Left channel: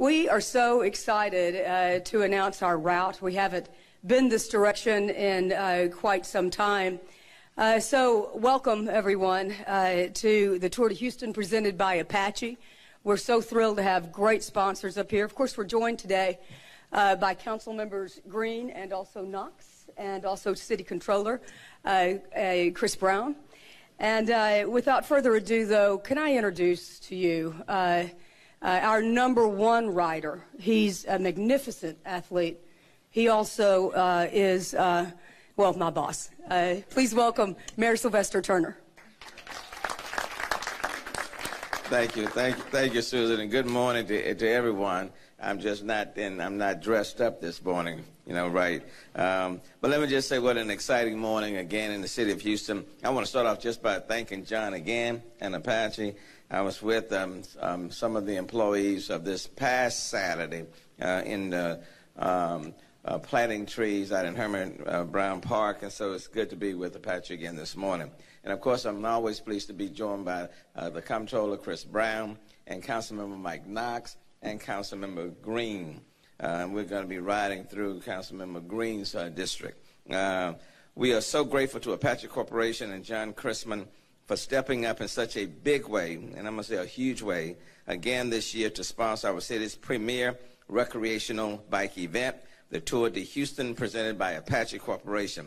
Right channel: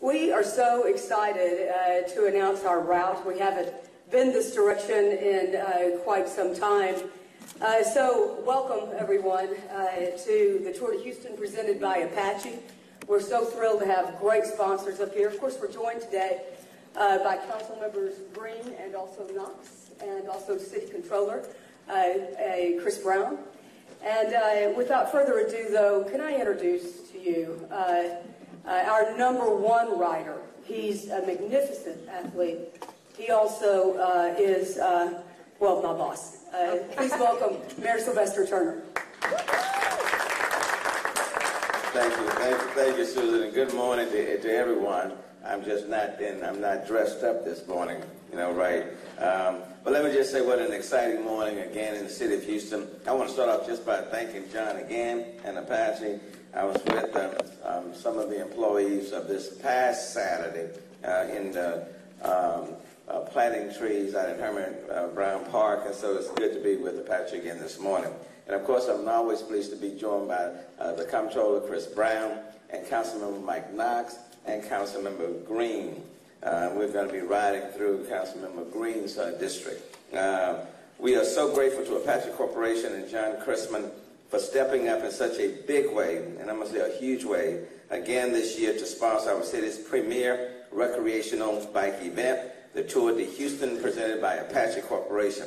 We are so excited to announce our route. We haven't been this direction in quite some time. So welcome, everyone, to the Tour de Houston presented by Apache. We're so thrilled to have great sponsors up here. Of course, we're joined today by Council Members Green and also Knox, and also City Controller Chris Brown. And without further ado, though, can I introduce to you our #1 rider. He's a magnificent athlete. He also is, well, my boss. Please welcome Mayor Sylvester Turner. Thank you, Susan, and good morning to everyone. I'm not dressed up this morning, right? But let me just say what an exciting morning again in the city of Houston. I want to start off just by thanking John again and Apache. I was with some of the employees of this past Saturday in the planting trees out in Herman Brown Park, and so it's good to be with Apache again this morning. And of course, I'm always pleased to be joined by the Comptroller Chris Brown and Councilmember Mike Knox and Councilmember Green. We're going to be riding through Councilmember Green's district. We are so grateful to Apache Corporation and John Chrisman for stepping up in such a big way, and I'm going to say a huge way, again this year to sponsor our city's premier recreational bike event, the Tour de Houston, presented by Apache Corporation.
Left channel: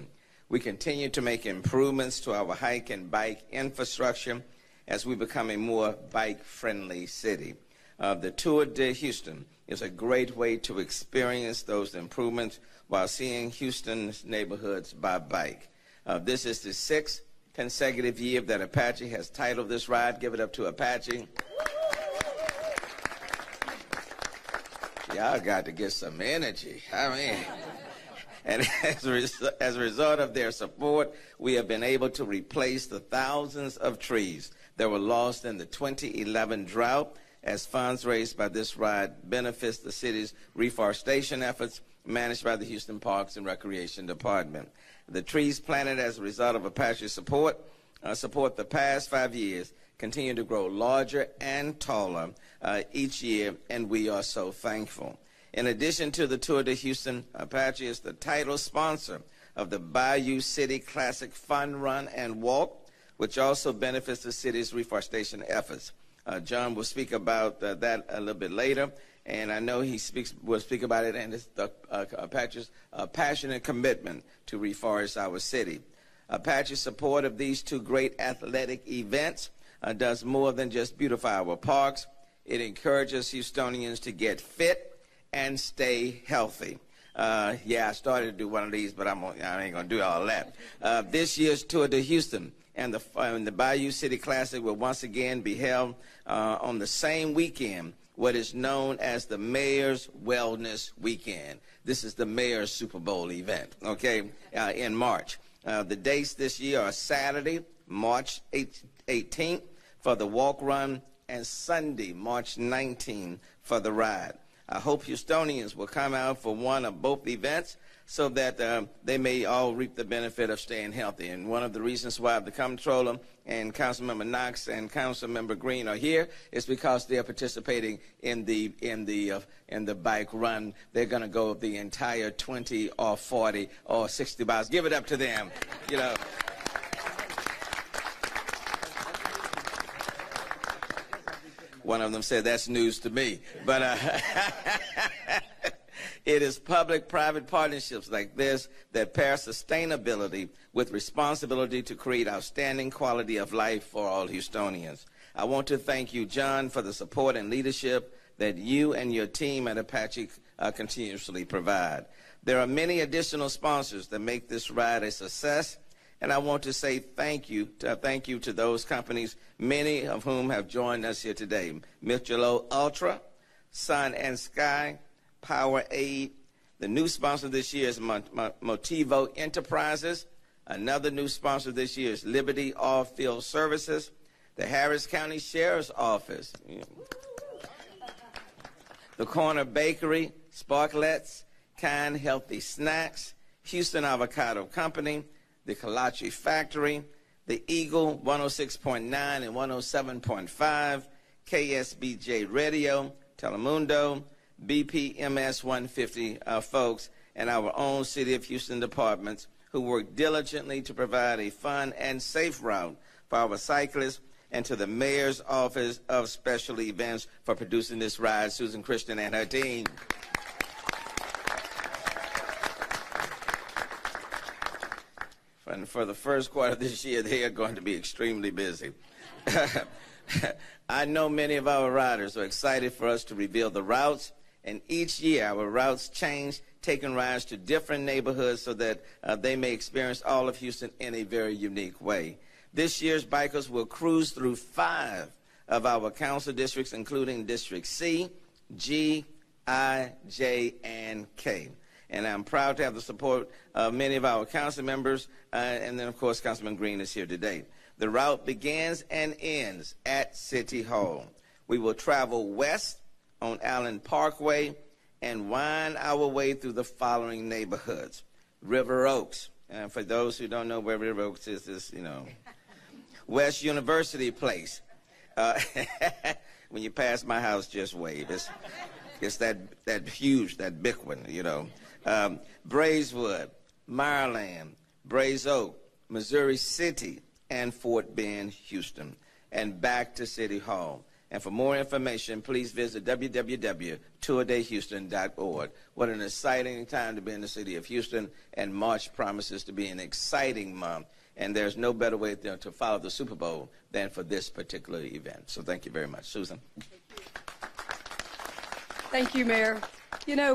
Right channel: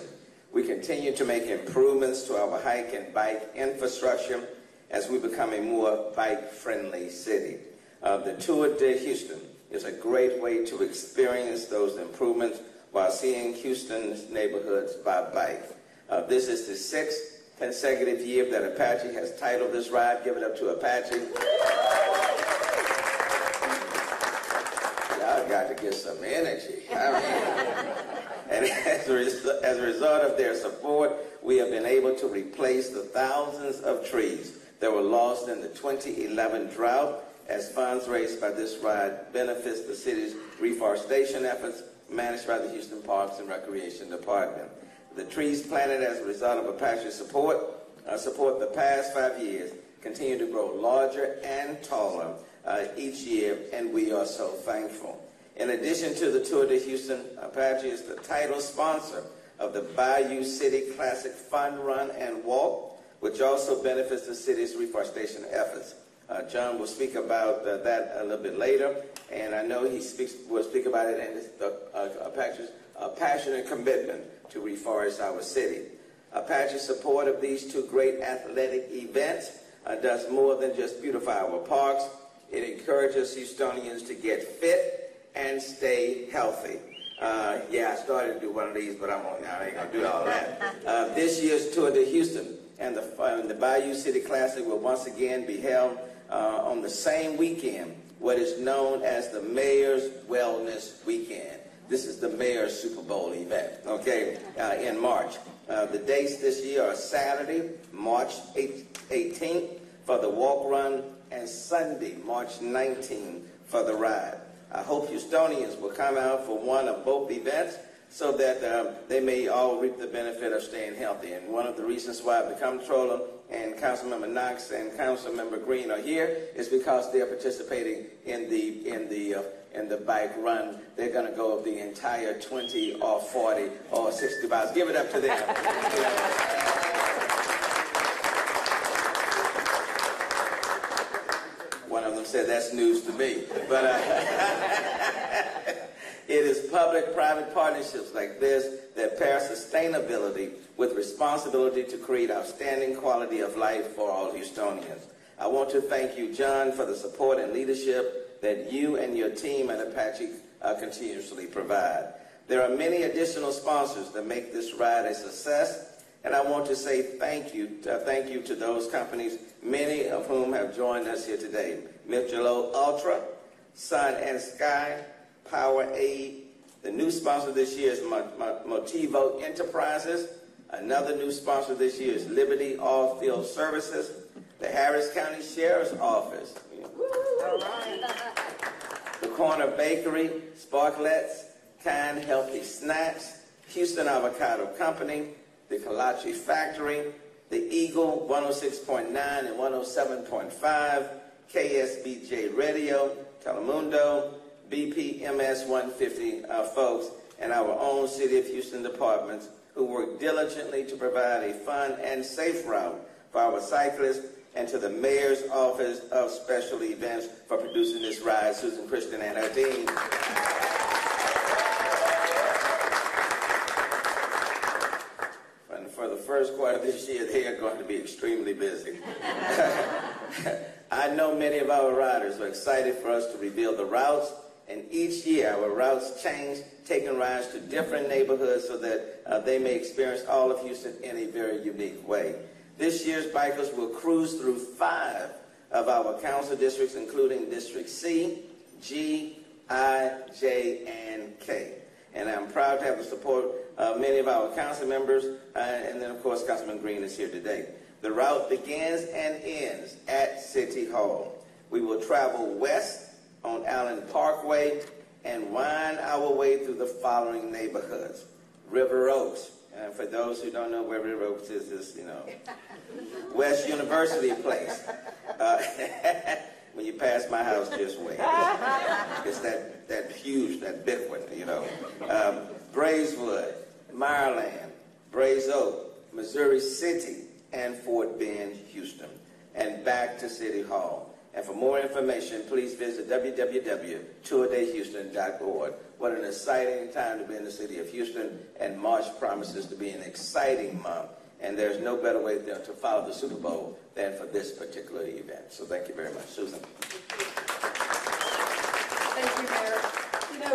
We continue to make improvements to our hike and bike infrastructure as we become a more bike-friendly city. The Tour de Houston is a great way to experience those improvements while seeing Houston's neighborhoods by bike. This is the 6th consecutive year that Apache has titled this ride. Give it up to Apache. Y'all got to get some energy. And as a result of their support, we have been able to replace the thousands of trees that were lost in the 2011 drought, as funds raised by this ride benefits the city's reforestation efforts managed by the Houston Parks and Recreation Department. The trees planted as a result of Apache support the past 5 years continue to grow larger and taller each year, and we are so thankful. In addition to the Tour de Houston, Apache is the title sponsor of the Bayou City Classic Fun Run and Walk, which also benefits the city's reforestation efforts. John will speak about that a little bit later, and I know he will speak about it and Apache's passionate commitment to reforest our city. Apache's support of these two great athletic events does more than just beautify our parks. It encourages Houstonians to get fit and stay healthy. Yeah, I started to do one of these, but I ain't going to do all that. This year's Tour de Houston and the Bayou City Classic will once again be held on the same weekend, what is known as the Mayor's Wellness Weekend. This is the Mayor's Super Bowl event, okay, in March. The dates this year are Saturday, March 18th for the walk run, and Sunday, March 19th for the ride. I hope Houstonians will come out for one of both events so that they may all reap the benefit of staying healthy. And one of the reasons why the Comptroller and Councilmember Knox and Councilmember Green are here is because they're participating in the bike run. They're going to go the entire 20 or 40 or 60 miles. Give it up to them. One of them said, that's news to me. But it is public-private partnerships like this that pair sustainability with responsibility to create outstanding quality of life for all Houstonians. I want to thank you, John, for the support and leadership that you and your team at Apache continuously provide. There are many additional sponsors that make this ride a success, and I want to say thank you to those companies, many of whom have joined us here today. Michelob Ultra, Sun and Sky, Powerade. The new sponsor this year is Motivo Enterprises. Another new sponsor this year is Liberty All-Field Services, the Harris County Sheriff's Office, the Corner Bakery, Sparklets, Kind Healthy Snacks, Houston Avocado Company, the Kalachi Factory, the Eagle 106.9 and 107.5, KSBJ Radio, Telemundo, BPMS 150 folks, and our own City of Houston departments who work diligently to provide a fun and safe route for our cyclists, and to the Mayor's Office of Special Events for producing this ride, Susan Christian and her team. And for the first quarter of this year, they are going to be extremely busy. I know many of our riders are excited for us to reveal the routes, and each year our routes change, taking riders to different neighborhoods so that they may experience all of Houston in a very unique way. This year's bikers will cruise through 5 of our council districts, including District C, G, I, J, and K. And I'm proud to have the support of many of our council members, and then, of course, Councilman Green is here today. The route begins and ends at City Hall. We will travel west on Allen Parkway and wind our way through the following neighborhoods. River Oaks. And for those who don't know where River Oaks is, this, West University Place. When you pass my house, just wait. It's that huge, that big one, Braeswood, Maryland, Braes Oak, Missouri City, and Fort Bend, Houston, and back to City Hall. And for more information, please visit www.tourdayhouston.org. What an exciting time to be in the city of Houston, and March promises to be an exciting month. And there's no better way to follow the Super Bowl than for this particular event. So thank you very much. Susan. Thank you, Mayor.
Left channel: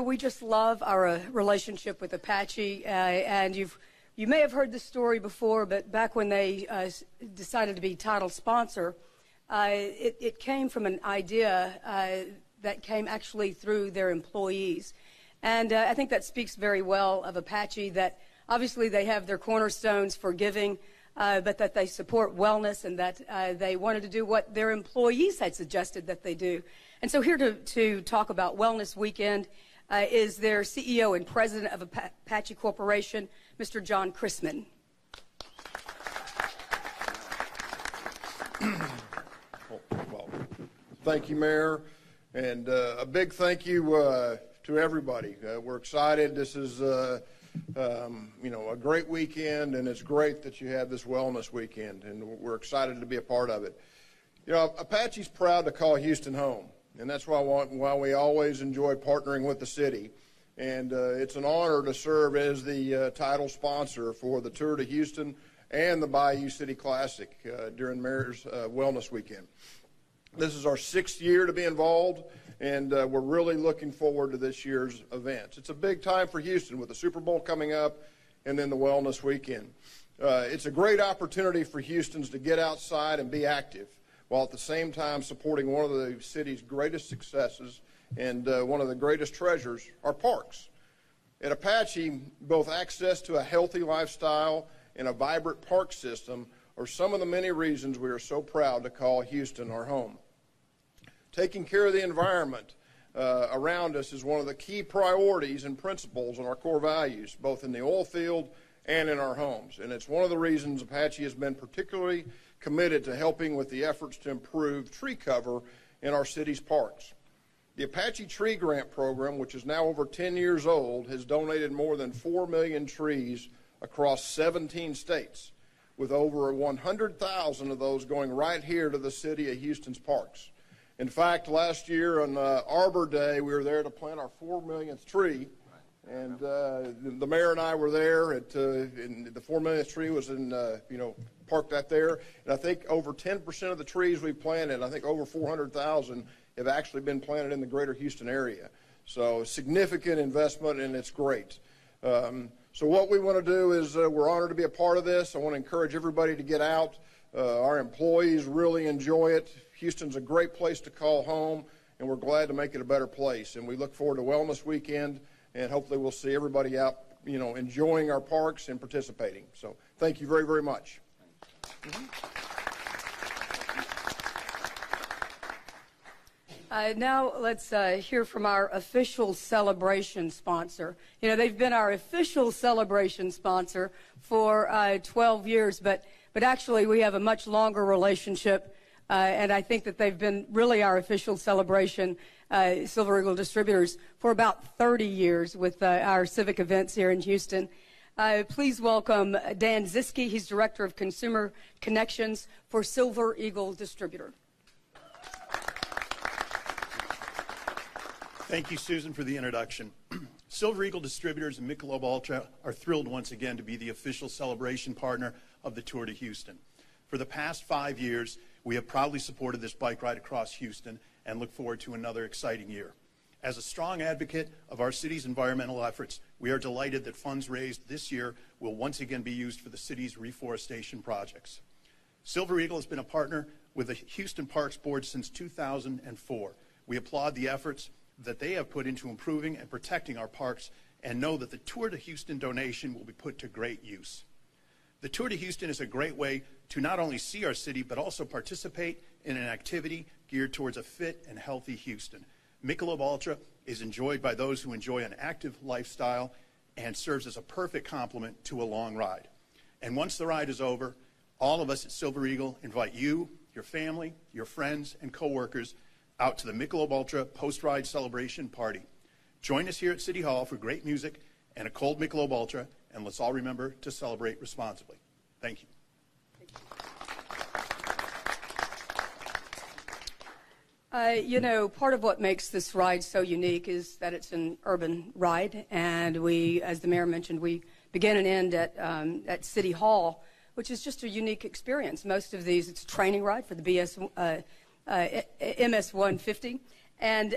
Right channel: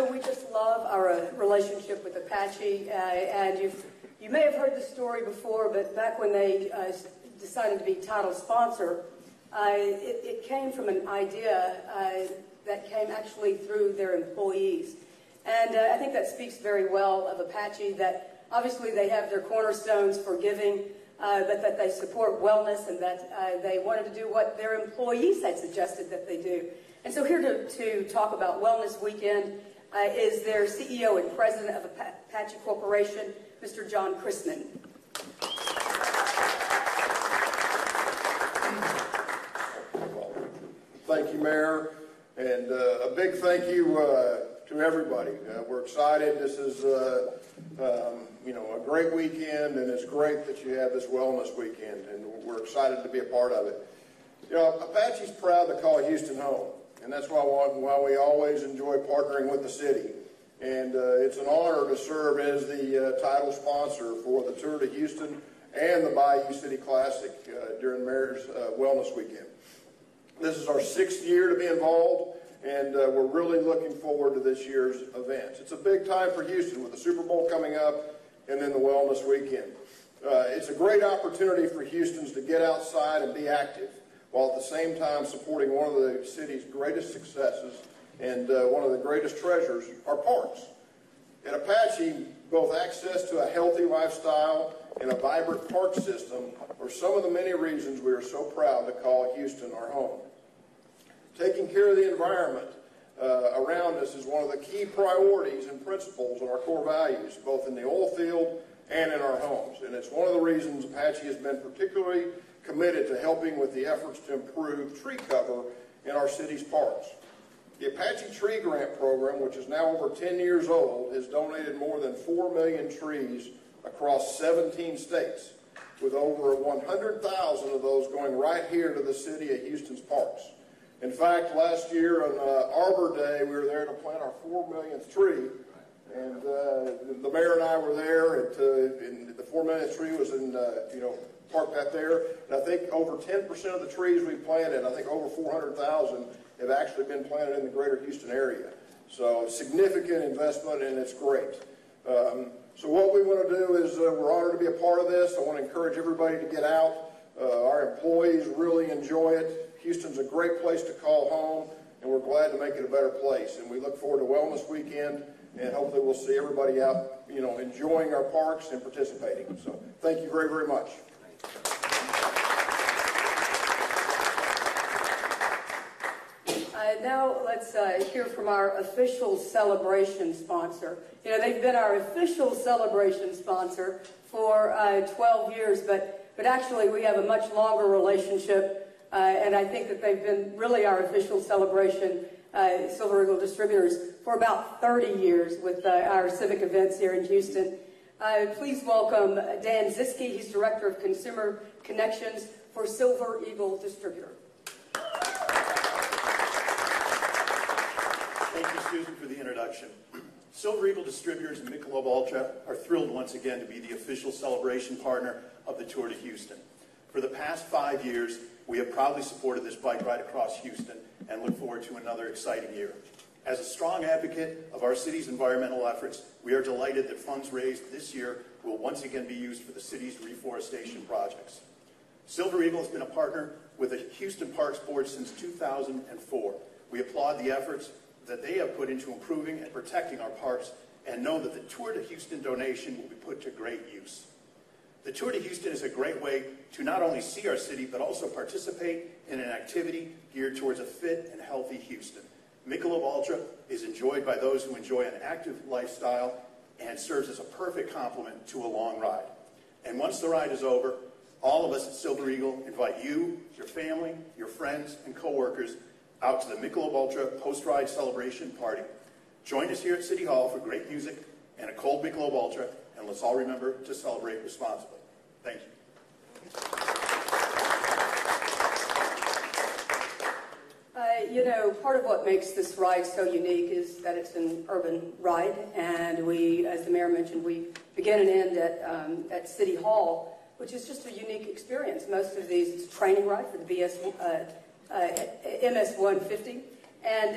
We just love our relationship with Apache, and you may have heard this story before, but back when they decided to be title sponsor, it came from an idea that came actually through their employees. And I think that speaks very well of Apache, that obviously they have their cornerstones for giving, but that they support wellness, and that they wanted to do what their employees had suggested that they do. And so here to talk about Wellness Weekend is their CEO and president of Apache Corporation, Mr. John Chrisman. Thank you, Mayor, and a big thank you to everybody. We're excited. This is a great weekend, and it's great that you had this Wellness Weekend, and we're excited to be a part of it. Apache's proud to call Houston home, and that's why we always enjoy partnering with the city. And it's an honor to serve as the title sponsor for the Tour to Houston and the Bayou City Classic during Mayor's Wellness Weekend. This is our 6th year to be involved, and we're really looking forward to this year's events. It's a big time for Houston with the Super Bowl coming up and then the Wellness Weekend. It's a great opportunity for Houstons to get outside and be active, while at the same time supporting one of the city's greatest successes and one of the greatest treasures, our parks. At Apache, both access to a healthy lifestyle and a vibrant park system are some of the many reasons we are so proud to call Houston our home. Taking care of the environment around us is one of the key priorities and principles in our core values, both in the oil field and in our homes. And it's one of the reasons Apache has been particularly committed to helping with the efforts to improve tree cover in our city's parks. The Apache Tree Grant Program, which is now over 10 years old, has donated more than 4 million trees across 17 states, with over 100,000 of those going right here to the city of Houston's parks. In fact, last year on Arbor Day, we were there to plant our 4 millionth tree, and the mayor and I were there, and the 4 millionth tree was parked out there. And I think over 10% of the trees we planted, I think over 400,000, have actually been planted in the greater Houston area. So a significant investment, and it's great. So what we want to do is we're honored to be a part of this. I want to encourage everybody to get out. Our employees really enjoy it. Houston's a great place to call home, and we're glad to make it a better place. And we look forward to Wellness Weekend, and hopefully we'll see everybody out, enjoying our parks and participating. So thank you very, very much. Now let's hear from our official celebration sponsor. They've been our official celebration sponsor for 12 years, but actually we have a much longer relationship, and I think that they've been really our official celebration Silver Eagle Distributors for about 30 years with our civic events here in Houston. Please welcome Dan Ziske. He's Director of Consumer Connections for Silver Eagle Distributor. Thank you, Susan, for the introduction. Silver Eagle Distributors and Michelob Ultra are thrilled once again to be the official celebration partner of the Tour de Houston. For the past 5 years, we have proudly supported this bike ride across Houston and look forward to another exciting year. As a strong advocate of our city's environmental efforts, we are delighted that funds raised this year will once again be used for the city's reforestation projects. Silver Eagle has been a partner with the Houston Parks Board since 2004. We applaud the efforts that they have put into improving and protecting our parks and know that the Tour de Houston donation will be put to great use. The Tour de Houston is a great way to not only see our city, but also participate in an activity geared towards a fit and healthy Houston. Michelob Ultra is enjoyed by those who enjoy an active lifestyle and serves as a perfect complement to a long ride. And once the ride is over, all of us at Silver Eagle invite you, your family, your friends, and coworkers out to the Michelob Ultra post-ride celebration party. Join us here at City Hall for great music and a cold Michelob Ultra, and let's all remember to celebrate responsibly. Thank you. You know, part of what makes this ride so unique is that it's an urban ride, and we, as the mayor mentioned, we begin and end at City Hall, which is just a unique experience. Most of these, it's a training ride for the MS 150, and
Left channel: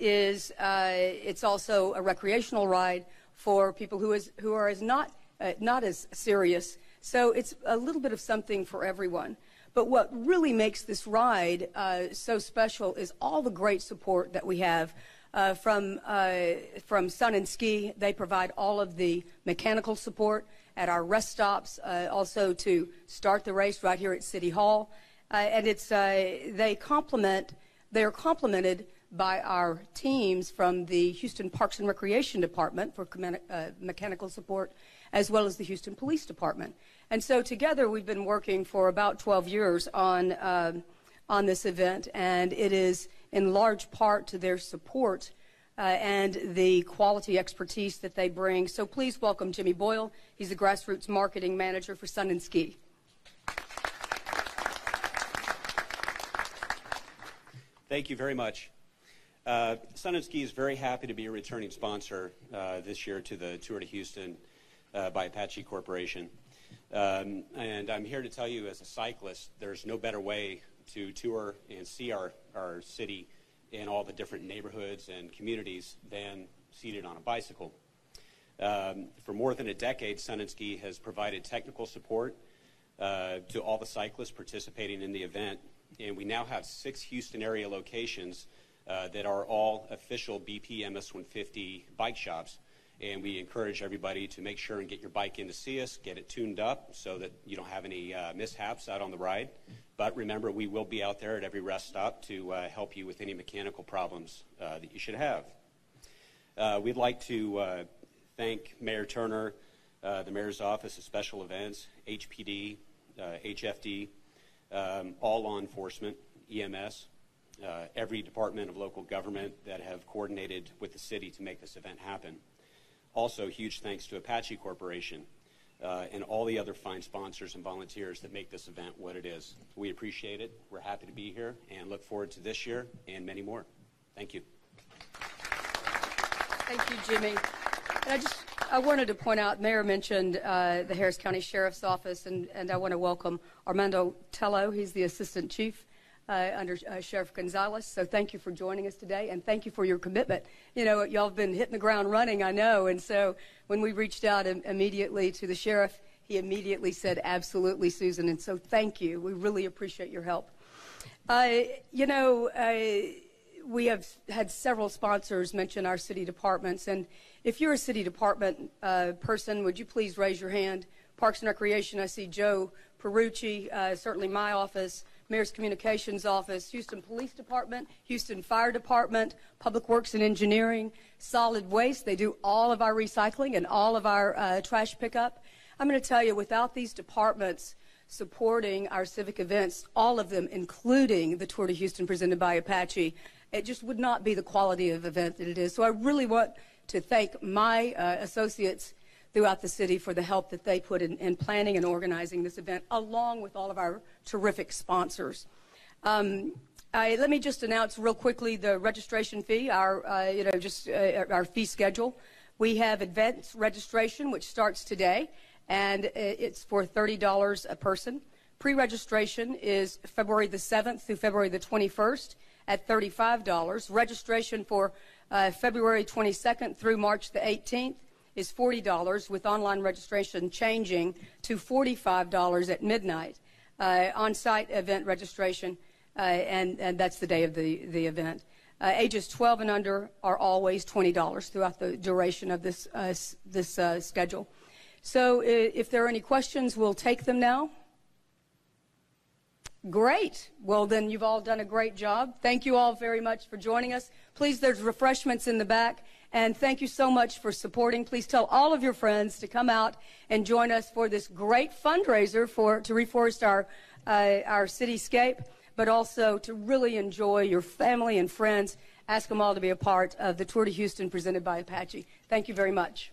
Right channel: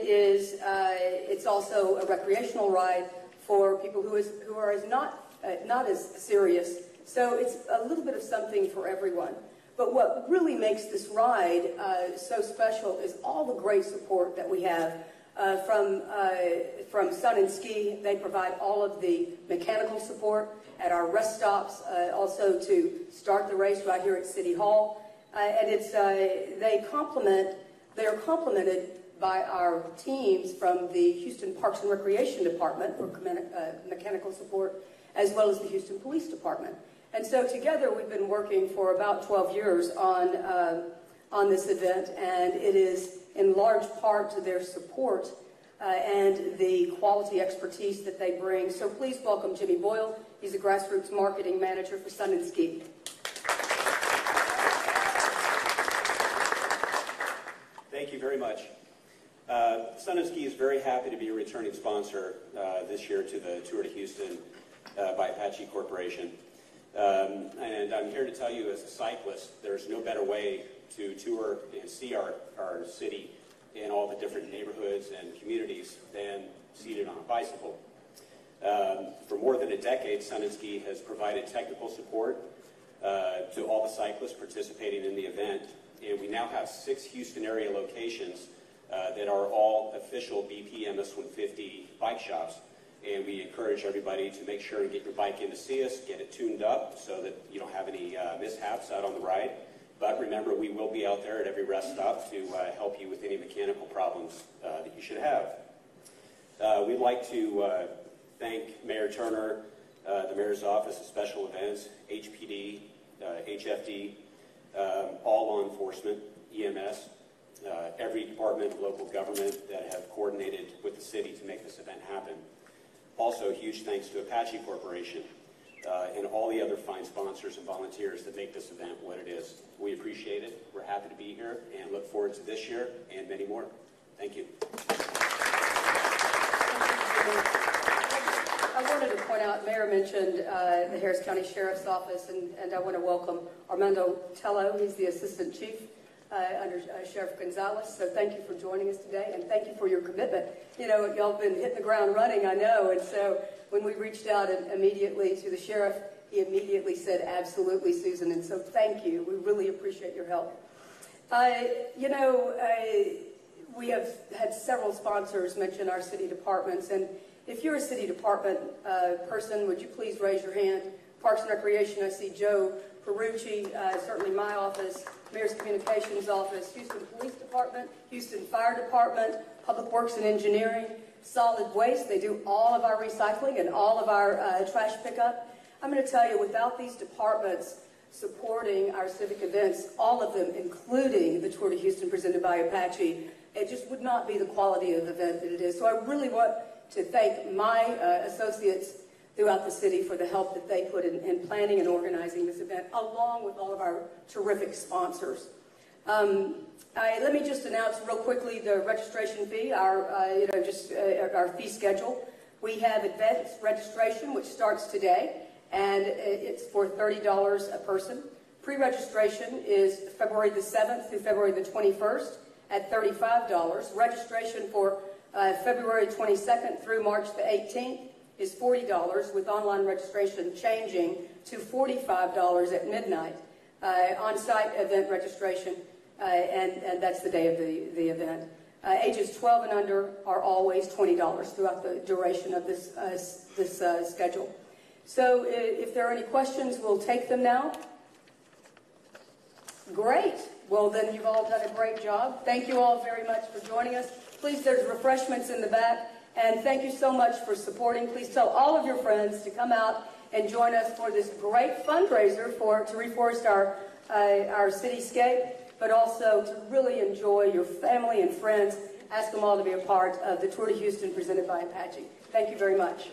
it's also a recreational ride for people who are not as serious. So it's a little bit of something for everyone. But what really makes this ride so special is all the great support that we have from Sun and Ski. They provide all of the mechanical support at our rest stops, also to start the race right here at City Hall. And they're complemented by our teams from the Houston Parks and Recreation Department for mechanical support, as well as the Houston Police Department. And so together we've been working for about 12 years on this event, and it is in large part to their support and the quality expertise that they bring. So please welcome Jimmy Boyle. He's the Grassroots Marketing Manager for Sun and Ski. Thank you very much. Sun and Ski is very happy to be a returning sponsor this year to the Tour de Houston by Apache Corporation. And I'm here to tell you, as a cyclist, there's no better way to tour and see our city in all the different neighborhoods and communities than seated on a bicycle. For more than a decade, Sun and Ski has provided technical support to all the cyclists participating in the event. And we now have 6 Houston area locations that are all official BP MS 150 bike shops. And we encourage everybody to make sure and get your bike in to see us, get it tuned up so that you don't have any mishaps out on the ride. But remember, we will be out there at every rest stop to help you with any mechanical problems that you should have. We'd like to thank Mayor Turner, the Mayor's Office of Special Events, HPD, HFD, all law enforcement, EMS, every department of local government that have coordinated with the city to make this event happen. Also, huge thanks to Apache Corporation and all the other fine sponsors and volunteers that make this event what it is. We appreciate it. We're happy to be here and look forward to this year and many more. Thank you. Thank you, Jimmy. I wanted to point out, Mayor mentioned the Harris County Sheriff's Office, and I want to welcome Armando Tello. He's the Assistant Chief under Sheriff Gonzalez. So thank you for joining us today, and thank you for your commitment. You know, y'all have been hitting the ground running, I know, and so when we reached out immediately to the sheriff, he immediately said, absolutely, Susan, and so thank you. We really appreciate your help. We have had several sponsors mention our city departments, and if you're a city department person, would you please raise your hand? Parks and Recreation, I see Joe Perucci, certainly my office, Mayor's Communications Office, Houston Police Department, Houston Fire Department, Public Works and Engineering, Solid Waste. They do all of our recycling and all of our trash pickup. I'm going to tell you, without these departments supporting our civic events, all of them, including the Tour de Houston presented by Apache, it just would not be the quality of event that it is. So I really want to thank my associates throughout the city for the help that they put in planning and organizing this event, along with all of our terrific sponsors. Let me just announce real quickly the registration fee, our fee schedule. We have advance registration, which starts today, and it's for $30 a person. Pre-registration is February the 7th through February the 21st at $35. Registration for February 22nd through March the 18th is $40, with online registration changing to $45 at midnight. On-site event registration, and that's the day of the event. Ages 12 and under are always $20 throughout the duration of this schedule. So if there are any questions, we'll take them now. Great. Well, then you've all done a great job. Thank you all very much for joining us. Please, there's refreshments in the back. And thank you so much for supporting. Please tell all of your friends to come out and join us for this great fundraiser to reforest our cityscape, but also to really enjoy your family and friends. Ask them all to be a part of the Tour de Houston presented by Apache. Thank you very much.